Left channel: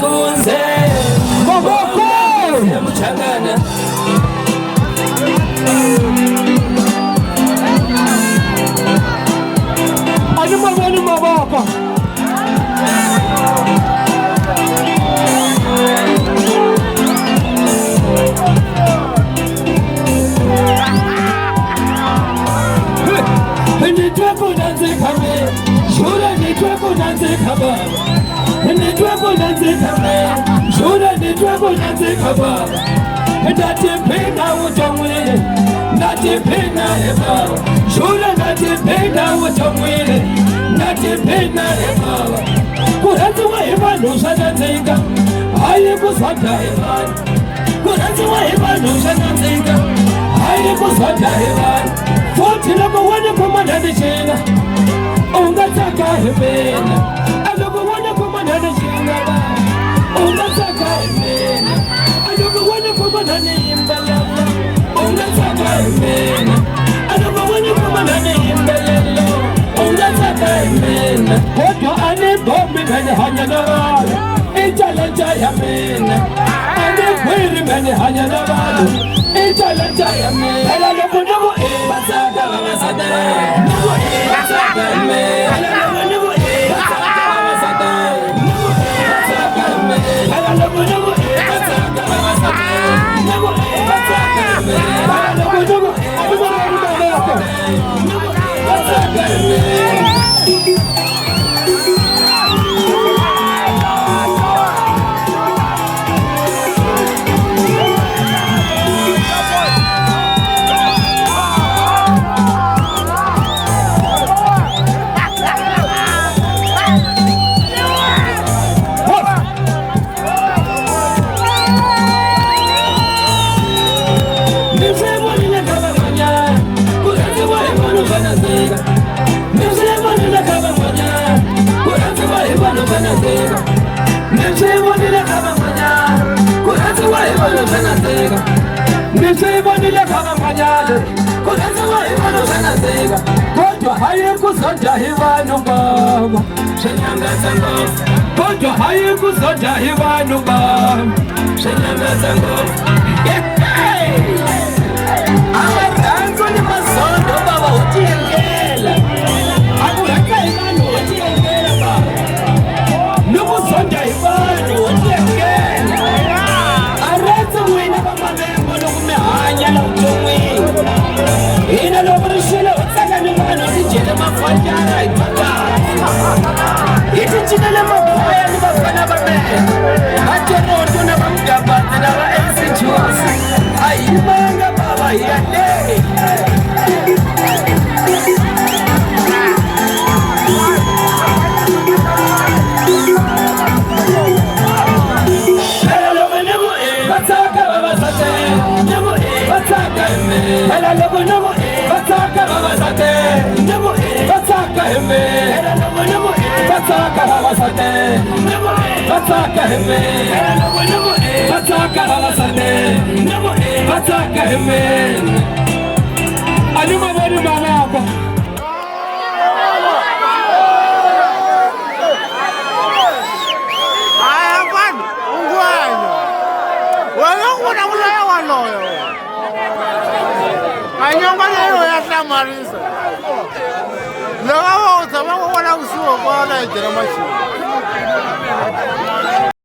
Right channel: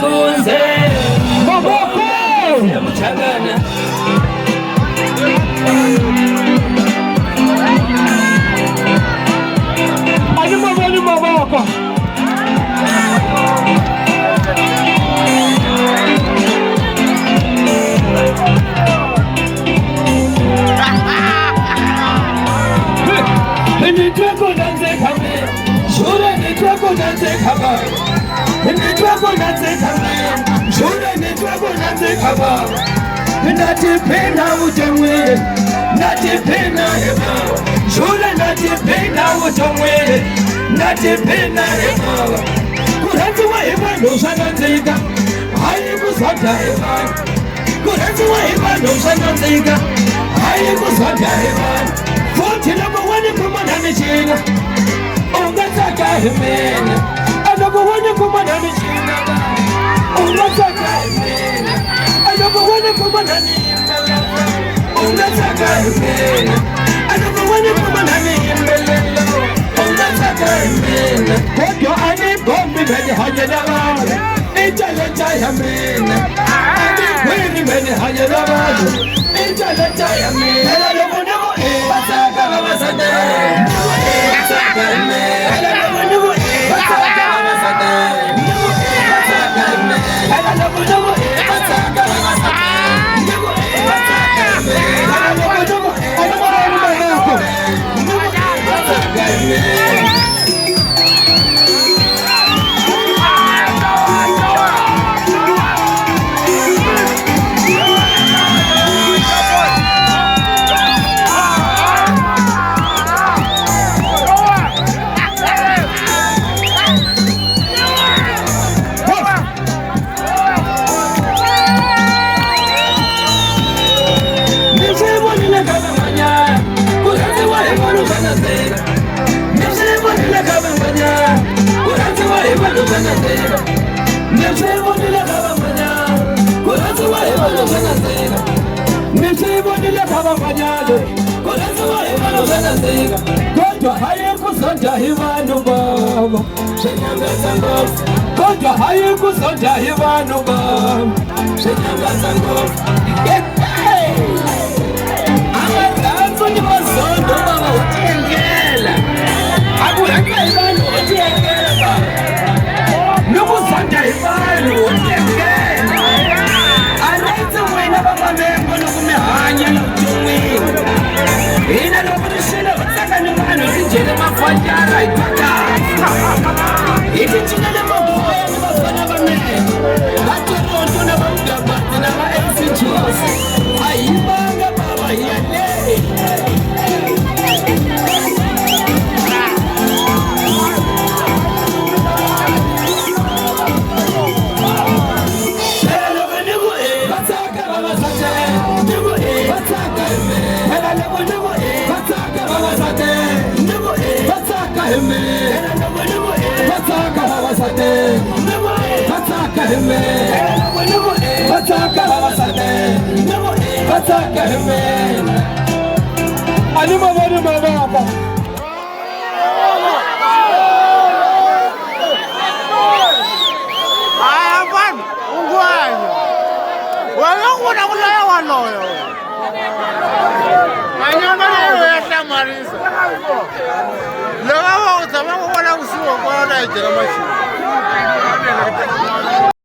Kunze Maboko Mchanganya Ani Maboko Ni twako nanze kame Shule ni twako nanze kama Ni twako nanze kame Shule ni twako nanze kama Natipenda utamwe Natipenda eba Shule natipenda utamwe Natipenda eba Kuratu wa eba Nushana zinga Haye kusata eba Kuratu wa eba Nushana zinga Haye kusata eba Foti lako wani kumanani china Ungataka himena Alako wani kumanani china Ungataka himena Alako wani kumanani himena Ungataka himena Alako wani kumanani himena Ungataka himena Koto ani bombi mene hanyalawa Italata ya mena Ani kwiri mene hanyalawa Italata ya mena Helalo kudumu Bataka baba sada Bataka me Helalo kudumu Bataka baba sada Bataka me Helalo kudumu Bataka baba sada Bataka me Helalo kudumu Bataka me Kojo haye kusonja hivanu baba Shenyanga zango Kojo haye kusonja hivanu baba Shenyanga zango Awakanzo ni masondo baba utiengela Akuraka hivanu utiengela baba Nukusonja hivanu utiengela Arata mwina baba mengo nukumehanya la uchungi Ina lokurishela utaka nyumana Kijele mafwajara ipata Ikichinele mabuya Mufana bame Atero tuna banga Batina wa FCGs Ayimanga baba yale Marisa. Luego vamos a ver usuo kwa na jira machi.